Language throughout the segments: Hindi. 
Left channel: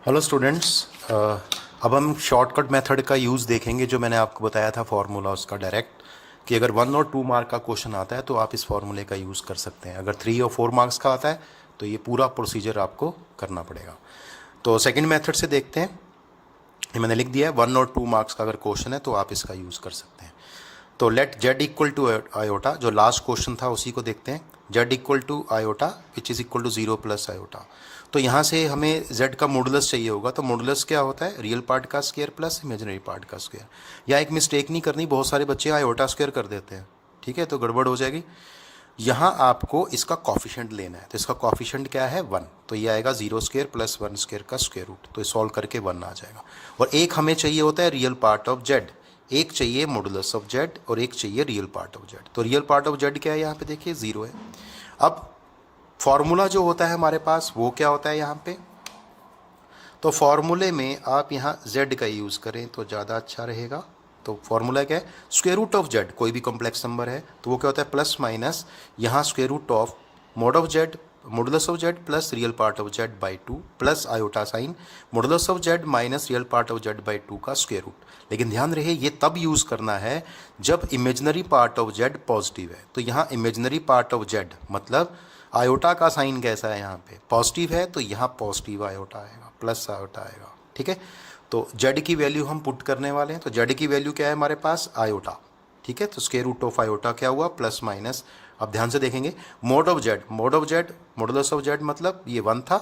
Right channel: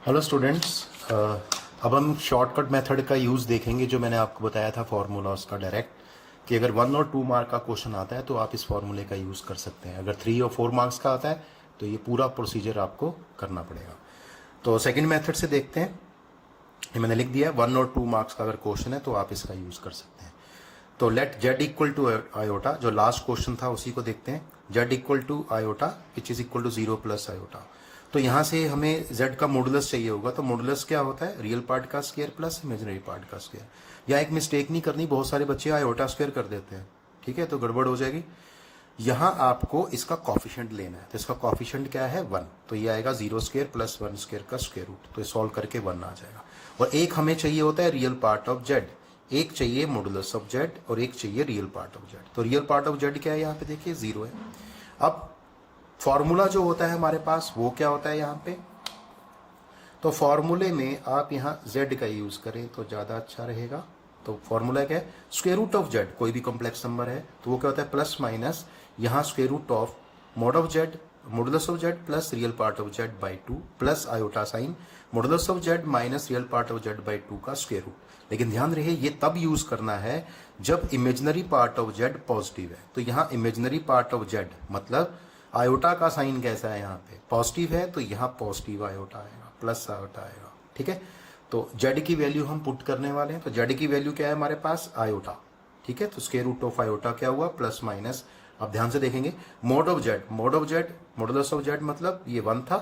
हेलो स्टूडेंट्स, अब हम शॉर्टकट मेथड का यूज़ देखेंगे जो मैंने आपको बताया था फार्मूला उसका डायरेक्ट कि अगर 1 और 2 मार्क का क्वेश्चन आता है तो आप इस फार्मूले का यूज़ कर सकते हैं। अगर 3 और 4 मार्क्स का आता है तो ये पूरा प्रोसीजर आपको करना पड़ेगा। तो सेकंड मेथड से देखते हैं। ये मैंने लिख दिया है 1 और 2 मार्क्स का अगर क्वेश्चन है तो आप इसका यूज़ कर सकते हैं। तो let Z equal to iota, जो लास्ट क्वेश्चन था उसी को देखते हैं। Z equal to iota which is equal to 0 plus iota. तो यहाँ से हमें z का मॉडुलस चाहिए होगा। तो मॉडुलस क्या होता है? रियल पार्ट का स्क्वायर प्लस इमेजिनरी पार्ट का स्क्वायर। यहाँ एक मिस्टेक नहीं करनी, बहुत सारे बच्चे आयोटा स्क्वायर कर देते हैं, ठीक है, तो गड़बड़ हो जाएगी। यहाँ आपको इसका कॉफिशेंट लेना है, तो इसका कॉफिशेंट क्या है? 1। तो ये आएगा 0 स्क्वायर प्लस 1 स्क्वायर का स्क्वायर रूट। तो ये सॉल्व करके 1 आ जाएगा। और एक हमें चाहिए होता है रियल पार्ट ऑफ जेड, एक चाहिए मॉडुलस ऑफ जेड और एक चाहिए रियल पार्ट ऑफ जेड। तो रियल पार्ट ऑफ जेड क्या है? यहाँ पे देखिए 0 है। अब फॉर्मूला जो होता है हमारे पास वो क्या होता है यहाँ पे? तो फॉर्मूले में आप यहाँ z का यूज़ करें तो ज़्यादा अच्छा रहेगा। तो फॉर्मूला क्या है? स्क्वायर रूट ऑफ जेड, कोई भी कॉम्प्लेक्स नंबर है तो वो क्या होता है? प्लस माइनस यहाँ square root of mod of Z, modulus of Z plus real part of Z by 2 plus iota sign modulus of Z minus real part of Z by 2 का स्क्वायर रूट। लेकिन ध्यान रहे ये तब यूज़ करना है जब imaginary part of Z positive है। तो यहाँ इमेजिनरी पार्ट ऑफ जेड मतलब आयोटा का साइन कैसा है? यहाँ पे पॉजिटिव है तो यहाँ पॉजिटिव आयोटा आएगा, प्लस आयोटा आएगा, ठीक है। तो जेड की वैल्यू हम पुट करने वाले हैं। तो जेड की वैल्यू क्या है हमारे पास? आयोटा, ठीक है। तो स्क्वायर रूट ऑफ आयोटा क्या हुआ? Plus minus. अब ध्यान से देखेंगे mode of Z, mode of Z modulus of Z मतलब ये 1 था,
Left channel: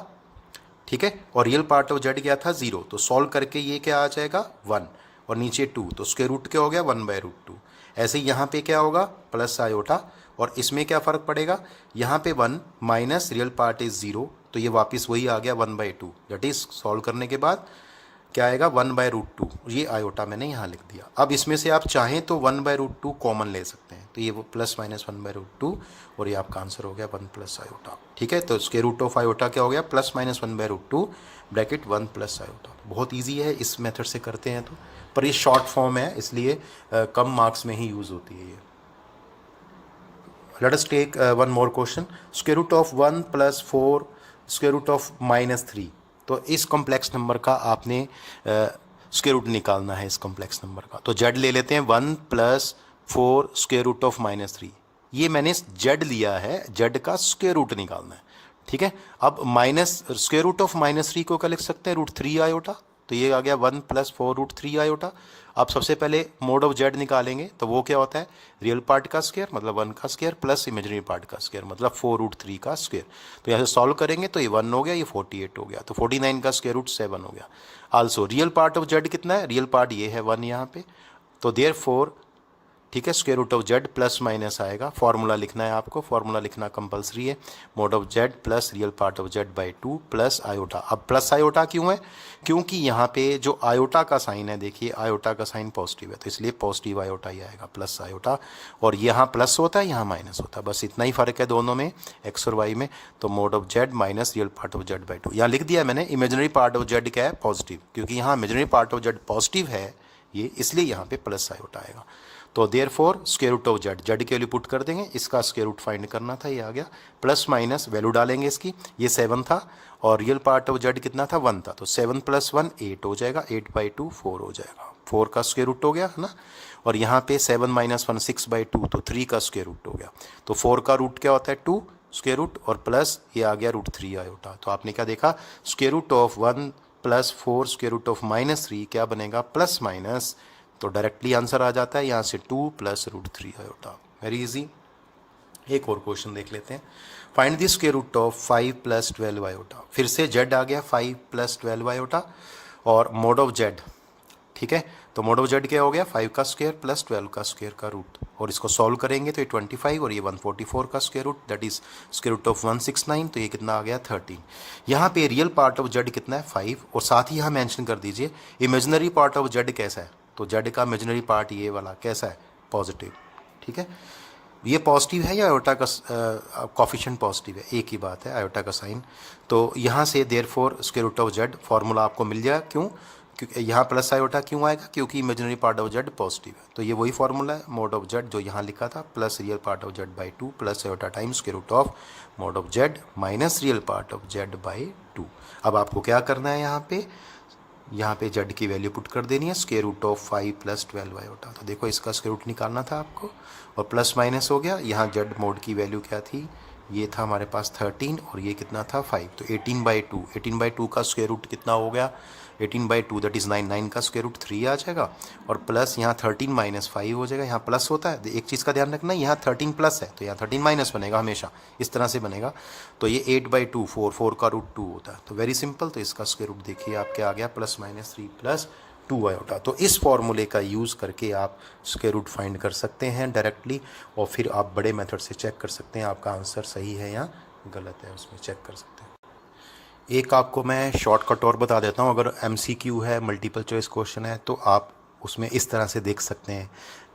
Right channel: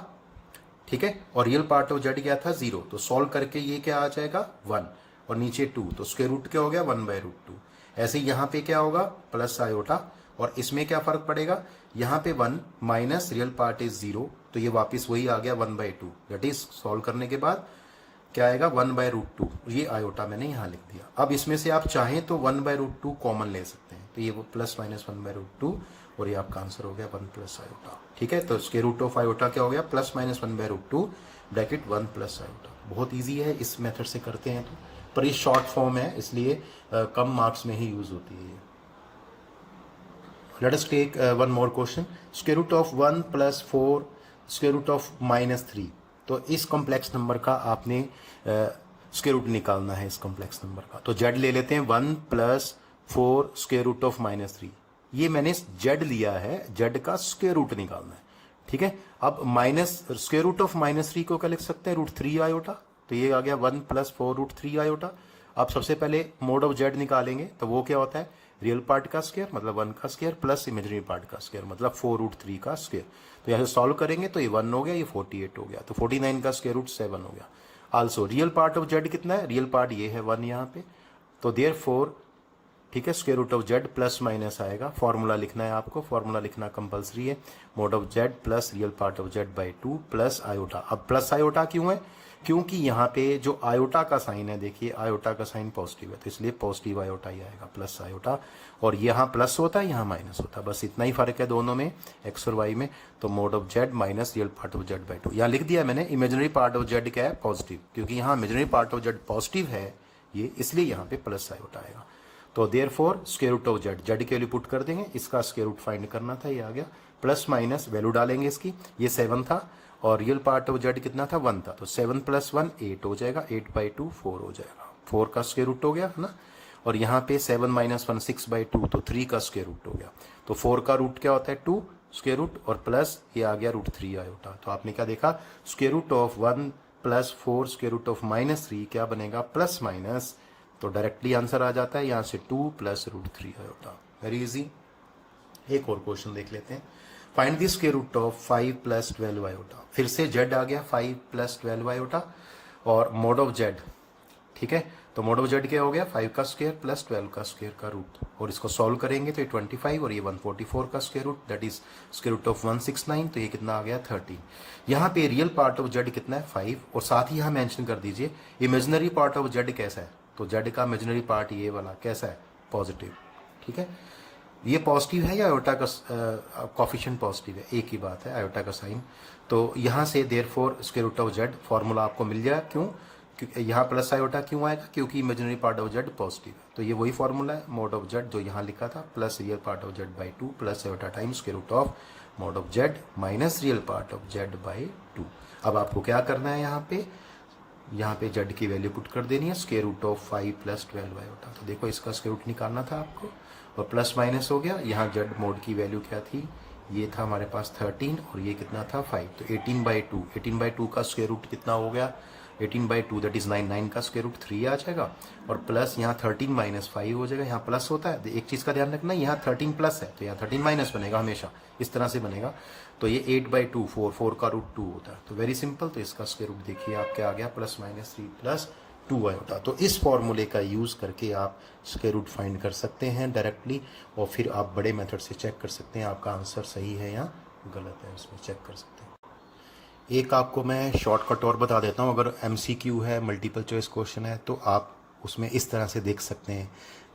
ठीक है। और रियल पार्ट ऑफ जेड क्या था? 0। तो सॉल्व करके ये क्या आ जाएगा? 1 और नीचे 2। तो स्क्वायर रूट क्या हो गया? 1/√2। ऐसे ही यहाँ पे क्या होगा? Plus iota. और इसमें क्या फ़र्क पड़ेगा? यहाँ पे 1 माइनस रियल पार्ट इज 0, तो ये वापस वही आ गया 1/2। दैट इज सॉल्व करने के बाद क्या आएगा? 1/√2। ये आयोटा मैंने यहाँ लिख दिया। अब इसमें से आप चाहें तो 1/√2 कॉमन ले सकते हैं। तो ये वो प्लस माइनस 1/√2 और ये आपका आंसर हो गया 1 प्लस आयोटा, ठीक है। तो स्क्वायर रूट ऑफ आयोटा क्या हो गया? Plus minus 1/√2 bracket 1 plus iota. बहुत ईजी है, इस मेथड से करते हैं तो, पर ये शॉर्ट फॉर्म है इसलिए कम मार्क्स में ही यूज़ होती है ये। Let us take one more question. Square root of 1 plus 4 square root of -3। तो इस कॉम्प्लेक्स नंबर का आपने स्क्वायर रूट निकालना है इस कॉम्प्लेक्स नंबर का। तो जेड ले लेते हैं 1 प्लस 4 स्क्वायर रूट ऑफ -3। ये मैंने जेड लिया है, जेड का स्क्वायर रूट निकालना है, ठीक है। अब माइनस स्क्वायर रूट ऑफ -3 को क्या लिख सकते हैं? √3 आयोटा। तो ये आ गया 1 प्लस 4 √3 आयोटा। आप सबसे पहले मोड ऑफ जेड निकालेंगे तो वो क्या होता है? रियल पार्ट का स्क्वायर मतलब 1 का स्क्वायर प्लस इमेजिनरी पार्ट का स्क्वायर मतलब 4√3 का स्क्वायर। तो यहाँ से सॉल्व करेंगे तो ये 1 हो गया, ये 48 हो गया, तो 49 का स्क्वायर रूट 7 हो गया। Also real part of Z कितना है? रियल पार्ट ये है 1 यहाँ पे। तो देयरफॉर, ठीक है, square root of Z plus minus आएगा। फॉर्मूला लिखना है आपको, फॉर्मूला लिखना कंपलसरी है। Mod of Z plus real part of Z by 2 plus iota. अब प्लस आयोटा क्यों है? क्योंकि यहाँ पे जो आयोटा का साइन है, देखिए आयोटा का साइन पॉजिटिव है तो इसलिए पॉजिटिव आयोटा ही आएगा, प्लस आयोटा। और यहाँ प्लस होता है, यहाँ माइनस होता है, बस इतना ही फर्क है दोनों में, एक्स और वाई में। तो mode of Z minus real part of Z by 2। यहाँ लिख दिया मैंने इमेजिनरी पार्ट ऑफ जेड क्या है? पॉजिटिव, क्योंकि यहाँ imaginary part of Z positive है ये, इसलिए यहाँ पे प्लस आयोटा आएगा। तो therefore square root of Z, Z के वैल्यू पुट कर देंगे, इसका स्क्वायर रूट फाइंड करना था, ये आ गया। प्लस माइनस वैल्यू डालेंगे इसकी, ये 7 था और रियल पार्ट ऑफ जेड कितना था? 1 था। तो 7 + 1 8 हो जाएगा, 8/2 4 हो जाएगा, 4 का स्क्वायर रूट हो गया है ना। और यहाँ पे 7 - 1 6/2 तो 3 का स्क्वायर रूट हो गया। तो 4 का रूट क्या होता है? 2 स्क्वायर रूट और प्लस ये आ गया √3 आयोटा। तो आपने क्या देखा? Square root of 1 + 4 square root of -3 क्या बनेगा? Plus minus. तो डायरेक्टली आंसर आ जाता है यहाँ से 2 + √3 आयोटा। Very easy. एक और क्वेश्चन देख लेते हैं। Find the square root of 5 + 12 iota. फिर से जेड आ गया 5 + 12 आयोटा और मोड ऑफ जेड, ठीक है। तो मोड ऑफ जेड क्या हो गया? 5 का स्क्वायर प्लस 12 का स्क्वायर का रूट। और इसको सॉल्व करेंगे तो ये 25 और ये 144 का square root, that is square root of 169। तो ये कितना आ गया? 13। यहाँ पे रियल पार्ट ऑफ जेड कितना है? 5। और साथ ही यहाँ मेंशन कर दीजिए इमेजिनरी पार्ट ऑफ जेड कैसा है। तो जेड का इमेजिनरी पार्ट ये वाला कैसा है? पॉजिटिव, ठीक है। ये पॉजिटिव है या आयोटा का कॉफिशिएंट पॉजिटिव है? एक ही बात है, आयोटा का साइन। तो यहाँ से therefore square root of Z formula आपको मिल जाएगा। क्यों? क्योंकि यहाँ प्लस आयोटा क्यों आएगा, क्योंकि imaginary part of Z positive है। तो ये वही फॉर्मूला है मोड ऑफ जेड जो यहाँ लिखा था, plus real part of Z by 2 plus iota times square root of mod of Z minus real part of Z by 2। अब आपको क्या करना है, यहाँ पे जेड की वैल्यू पुट कर देनी है, square root of 5 plus 12 iota. तो देखो इसका स्क्वायर रूट निकालना था आपको और प्लस माइनस हो गया। यहाँ जेड मोड की वैल्यू क्या थी, ये था हमारे पास 13 और ये कितना था 5, तो 18/2। 18/2 का स्क्वायर रूट कितना हो गया, 18/2 दैट इज़ 9। 9 का स्क्वायर रूट 3 आ जाएगा और प्लस यहाँ 13 माइनस 5 हो जाएगा। यहाँ प्लस होता है, एक चीज़ का ध्यान रखना, यहाँ 13 प्लस है तो यहाँ 13 माइनस बनेगा, हमेशा इस तरह से बनेगा। तो ये 8/2 4 का रूट 2 होता है। तो वेरी सिंपल, तो इसका स्क्वायर रूट देखिए आपके आ गया प्लस माइनस 3 प्लस 2 आयोटा। तो इस फॉर्मूले का यूज़ करके आप स्क्वायर रूट फाइंड कर सकते हैं डायरेक्टली, और फिर आप बड़े मेथड से चेक कर सकते हैं आपका आंसर सही है या गलत है, उसमें चेक कर सकते हैं। एक आपको मैं शॉर्टकट और बता देता हूँ, अगर MCQ है, मल्टीपल चॉइस क्वेश्चन है, तो आप उसमें इस तरह से देख सकते हैं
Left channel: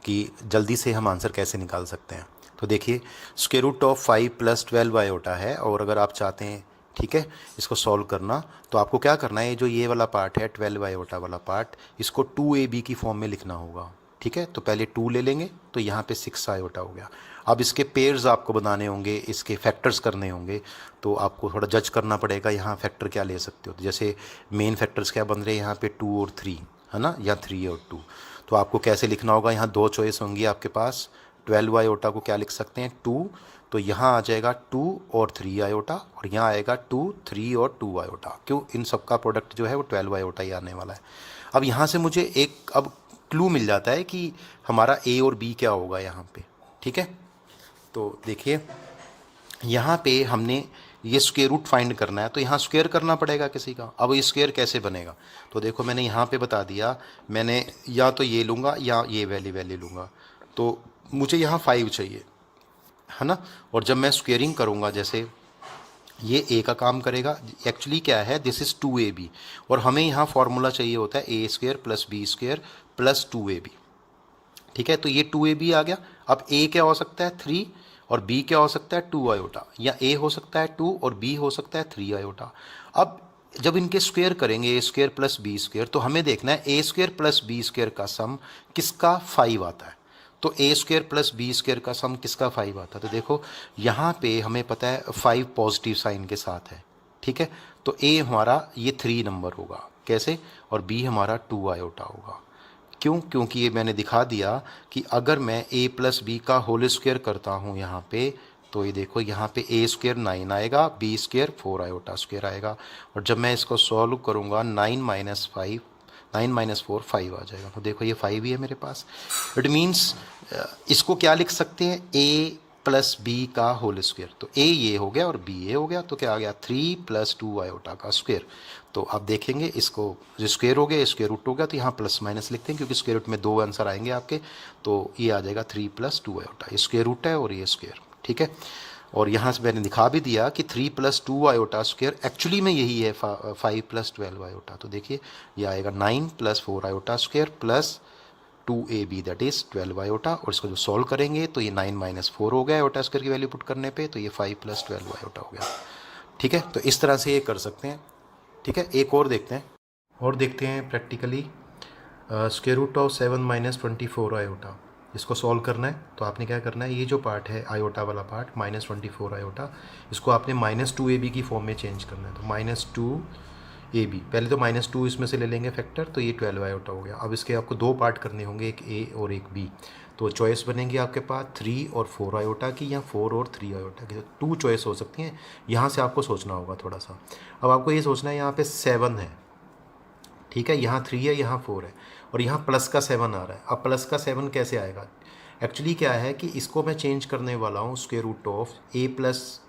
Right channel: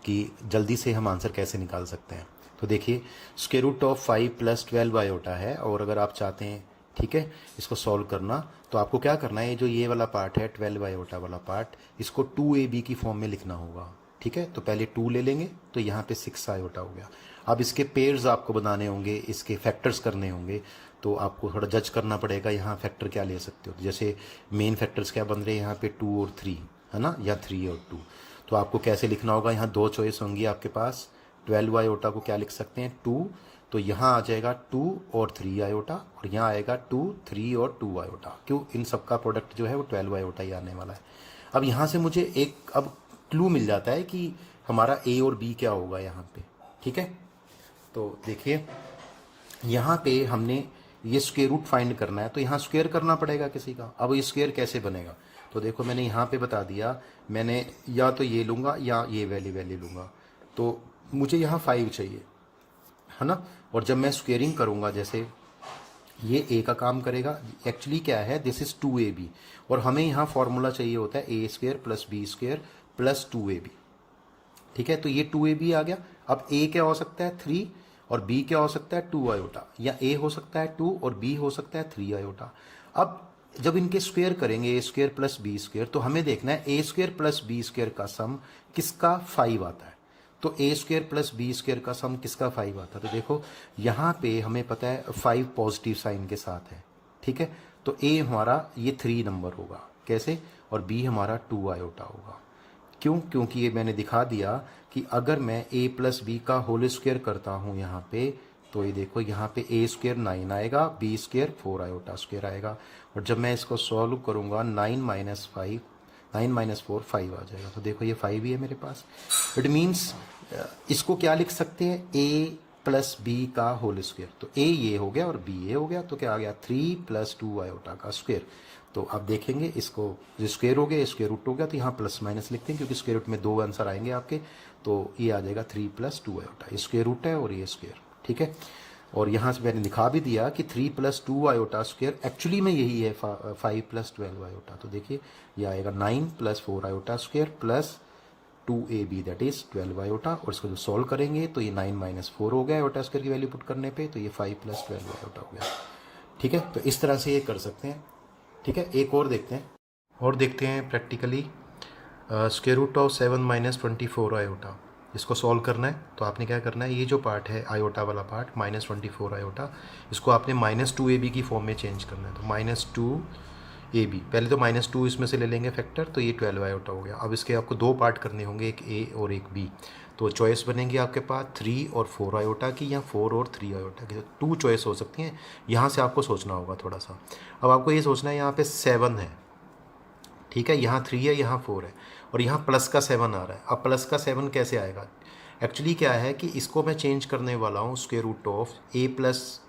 कि जल्दी से हम आंसर कैसे निकाल सकते हैं। तो देखिए square root of 5 plus 12 iota है, और अगर आप चाहते हैं ठीक है इसको सॉल्व करना, तो आपको क्या करना है, जो ये वाला पार्ट है 12 आयोटा वाला पार्ट, इसको 2AB की फॉर्म में लिखना होगा। ठीक है, तो पहले 2 ले लेंगे तो यहाँ पे 6 आयोटा हो गया। अब इसके पेयर्स आपको बनाने होंगे, इसके फैक्टर्स करने होंगे, तो आपको थोड़ा जज करना पड़ेगा यहाँ फैक्टर क्या ले सकते हो। तो जैसे मेन फैक्टर्स क्या बन रहे हैं यहाँ पे 2 और 3 है ना, या 3 और 2। तो आपको कैसे लिखना होगा, यहाँ 2 चॉइस होंगी आपके पास। 12 आयोटा को क्या लिख सकते हैं 2, तो यहाँ आ जाएगा 2 और 3 आयोटा, और यहाँ आएगा 2 3 और 2 आयोटा। क्यों, इन सब का प्रोडक्ट जो है वो 12 आयोटा ही आने वाला है। अब यहाँ से मुझे एक अब क्लू मिल जाता है कि हमारा A और B क्या होगा यहाँ पे। ठीक है, तो देखिए यहाँ पे हमने ये स्क्वायर रूट फाइंड करना है, तो यहाँ स्क्वायर करना पड़ेगा किसी का। अब ये स्क्वायर कैसे बनेगा, तो देखो मैंने यहाँ पे बता दिया, मैंने या तो ये लूँगा या ये वैल्यू लूँगा। तो मुझे यहाँ 5 चाहिए है ना, और जब मैं स्क्वेयरिंग करूँगा, जैसे ये A का काम करेगा, एक्चुअली क्या है दिस इज़ 2AB, और हमें यहाँ फॉर्मूला चाहिए होता है A² plus B² plus 2AB। ठीक है, तो ये 2AB आ गया। अब A क्या हो सकता है 3 और B क्या हो सकता है 2 आयोटा, या A हो सकता है 2 और B हो सकता है 3 आयोटा। अब जब इनके स्क्वायर करेंगे A² प्लस B², तो हमें देखना है A² प्लस B² का सम किसका 5 आता है। तो A² प्लस B² का सम किसका 5 आता है। तो देखो यहाँ पे हमें पता है 5 पॉजिटिव साइन के साथ है। ठीक है, तो A हमारा ये 3 नंबर होगा कैसे, और B हमारा 2 आयोटा होगा। क्यों, क्योंकि ये मैंने दिखा दिया कि अगर मैं A प्लस B का होल स्क्वायर करता हूँ यहाँ पे, तो ये देखो यहाँ पे A² 9 आएगा, B² 4 आयोटा स्क्वायर आएगा, और जब मैं इसको सॉल्व करूँगा 9 माइनस 4 5 आ जाएगा। तो देखो ये 5 ही है मेरे पास। इट मीन्स इसको क्या लिख सकते हैं, A प्लस B का होल स्क्वायर। तो A ये हो गया और B ये हो गया, तो क्या आ गया 3 प्लस 2 आयोटा का स्क्वायर। तो आप देखेंगे इसको जो स्क्वायर हो गया, स्क्वायर रूट हो गया, तो यहाँ प्लस माइनस लिखते हैं क्योंकि स्क्वायर रूट में 2 आंसर आएंगे आपके। तो ये आ जाएगा 3 प्लस 2 आयोटा, ये स्क्वायर रूट है और ये स्क्वायर। ठीक है, और यहाँ से मैंने दिखा भी दिया कि 3 प्लस 2 आयोटा स्क्वायर एक्चुअली में यही है 5 प्लस 12 आयोटा। तो देखिए ये आएगा 9 plus 4 iota square plus 2AB that is 12 iota, और इसको जो सॉल्व करेंगे तो ये 9 माइनस 4 हो गया आयोटा स्क्वायर की वैल्यू पुट करने पे, तो ये 5 प्लस 12 आयोटा हो गया। ठीक है, तो इस तरह से ये कर सकते हैं। ठीक है, एक और देखते हैं practically square root of 7 minus 24 iota, इसको सॉल्व करना है। तो आपने क्या करना है, ये जो पार्ट है आयोटा वाला पार्ट माइनस 24 आयोटा, इसको आपने माइनस 2AB की फॉर्म में चेंज करना है। तो माइनस 2AB, पहले तो माइनस 2 इसमें से ले लेंगे फैक्टर, तो ये 12 आयोटा हो गया। अब इसके आपको 2 पार्ट करने होंगे, एक A और एक B। तो चॉइस बनेंगी आपके पास 3 और 4 आयोटा की, या 4 और 3 आयोटा की। तो 2 चॉइस हो सकती हैं। यहाँ से आपको सोचना होगा थोड़ा सा। अब आपको ये सोचना है यहाँ पे 7 है, ठीक है, यहाँ 3 है, यहाँ 4 है, और यहाँ प्लस का 7 आ रहा है। अब प्लस का 7 कैसे आएगा, एक्चुअली क्या है कि इसको मैं चेंज करने वाला हूँ square root of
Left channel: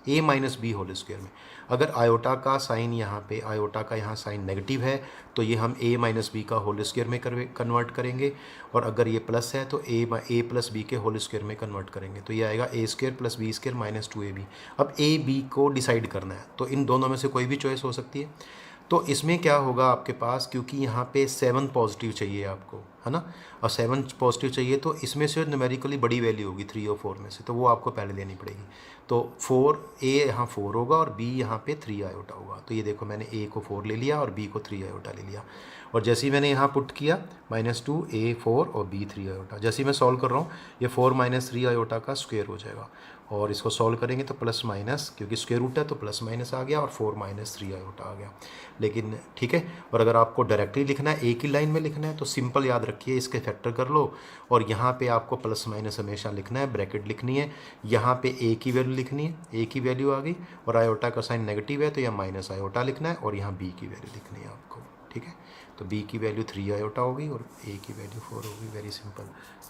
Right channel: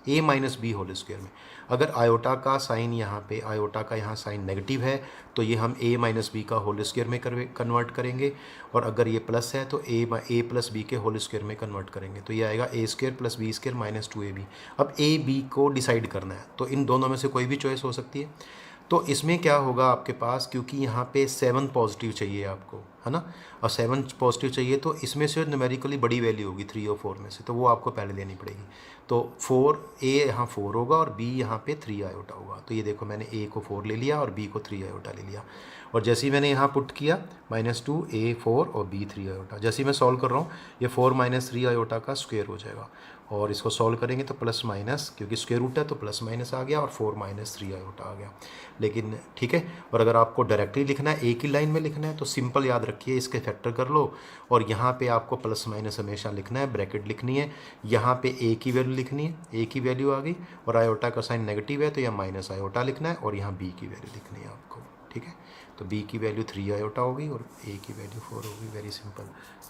A minus B whole square में। अगर आयोटा का साइन यहाँ पे, आयोटा का यहाँ साइन नेगेटिव है, तो ये हम A माइनस B का होल स्क्वायर में कन्वर्ट करेंगे, और अगर ये प्लस है तो A प्लस B के होल स्क्वायर में कन्वर्ट करेंगे। तो ये आएगा A² plus B² minus 2AB। अब A B को डिसाइड करना है, तो इन दोनों में से कोई भी चॉइस हो सकती है। तो इसमें क्या होगा आपके पास, क्योंकि यहाँ पे 7 पॉजिटिव चाहिए आपको, है ना, और 7 पॉजिटिव चाहिए तो इसमें से न्यूमेरिकली बड़ी वैल्यू होगी 3 और 4 में से, तो वो आपको पहले लेनी पड़ेगी। तो 4 ए यहाँ 4 होगा और बी यहाँ पे 3 आयोटा होगा। तो ये देखो मैंने ए को 4 ले लिया और बी को 3 आयोटा ले लिया, और जैसे ही मैंने यहाँ पुट किया -2 ए 4 और बी 3 आयोटा, जैसे ही मैं सॉल्व कर रहा हूँ ये 4 - 3 आयोटा का स्क्वायर हो जाएगा, और इसको सॉल्व करेंगे तो प्लस माइनस, क्योंकि स्क्वायर रूट है तो प्लस माइनस आ गया और 4 - 3 आयोटा आ गया। लेकिन ठीक है, और अगर आपको डायरेक्टली लिखना है, एक ही लाइन में लिखना है, तो सिंपल याद रखिए इसके फैक्टर कर लो, और यहाँ पे आपको प्लस माइनस हमेशा लिखना है, ब्रैकेट लिखनी है, यहाँ पे ए की वैल्यू लिखनी है, ए की वैल्यू आ गई, और आयोटा का साइन नेगेटिव है तो यहाँ माइनस आयोटा लिखना है, और यहाँ बी की वैल्यू लिखनी है आपको। ठीक है, तो बी की वैल्यू 3 आयोटा होगी और ए की वैल्यू 4 होगी, वेरी सिंपल।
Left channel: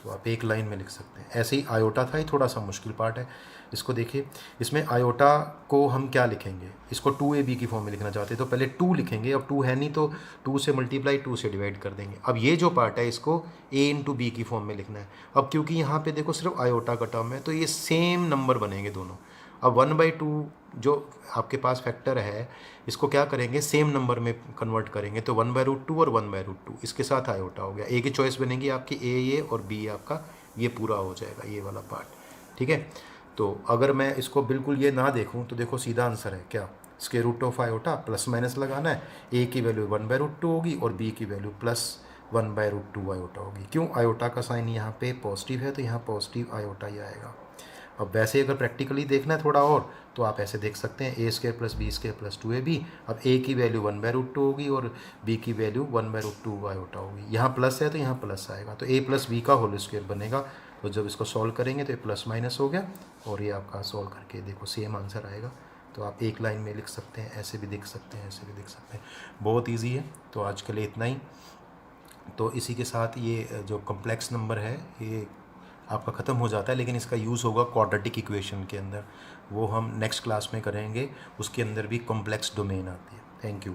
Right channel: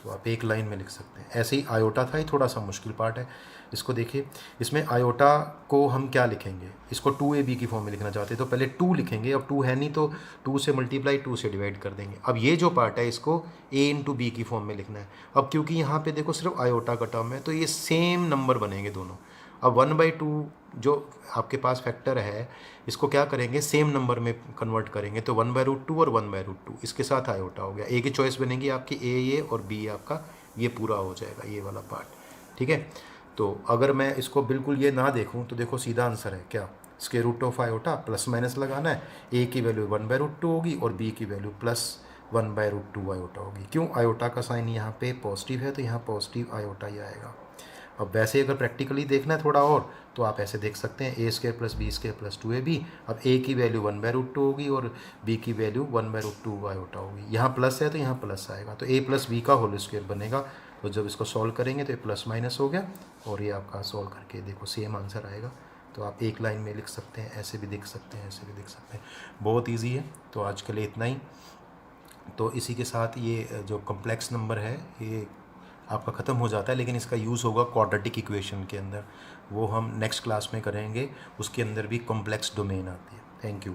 तो आप एक लाइन में लिख सकते हैं। ऐसे ही आयोटा था, ये थोड़ा सा मुश्किल पार्ट है। इसको देखिए, इसमें आयोटा को हम क्या लिखेंगे, इसको 2ab की फॉर्म में लिखना चाहते हैं तो पहले 2 लिखेंगे, अब 2 है नहीं तो 2 से मल्टीप्लाई 2 से डिवाइड कर देंगे। अब ये जो पार्ट है इसको a × b की फॉर्म में लिखना है। अब क्योंकि यहाँ पे देखो सिर्फ आयोटा का टर्म है तो ये सेम नंबर बनेंगे दोनों। अब 1/2 जो आपके पास फैक्टर है इसको क्या करेंगे, सेम नंबर में कन्वर्ट करेंगे, तो 1/√2 और 1/√2 इसके साथ आयोटा हो गया। ए की चॉइस बनेगी आपकी, ए ये और बी आपका ये पूरा हो जाएगा, ये वाला पार्ट। ठीक है, तो अगर मैं इसको बिल्कुल ये ना देखूं तो देखो सीधा आंसर है क्या, square root of iota plus minus लगाना है, ए की वैल्यू 1/√2 होगी और बी की वैल्यू प्लस 1/√2 आयोटा होगी। क्यों, आयोटा का साइन यहाँ पे पॉजिटिव है तो यहाँ पॉजिटिव आयोटा ही आएगा। अब वैसे अगर प्रैक्टिकली देखना है थोड़ा और तो आप ऐसे देख सकते हैं, a² + b² + 2ab। अब a की वैल्यू 1/√2 होगी और b की वैल्यू 1/√2 आयोटा होगी। यहाँ प्लस है तो यहाँ प्लस आएगा, तो a + b का होल स्क्वायर बनेगा। तो जब इसको सॉल्व करेंगे तो ये प्लस माइनस हो गया, और ये आपका सॉल्व करके देखो सेम आंसर आएगा। तो आप एक लाइन में लिख सकते हैं, ऐसे भी लिख सकते हैं, ऐसे भी लिख सकते हैं, बहुत ईजी है। तो आज के लिए इतना ही। तो इसी के साथ ये जो कॉम्प्लेक्स नंबर है ये आपका ख़त्म हो जाता है, लेकिन इसका यूज़ होगा क्वाड्रेटिक इक्वेशन के अंदर, वो हम नेक्स्ट क्लास में करेंगे। उसके अंदर भी कॉम्प्लेक्स डोमेन आती है। Thank you.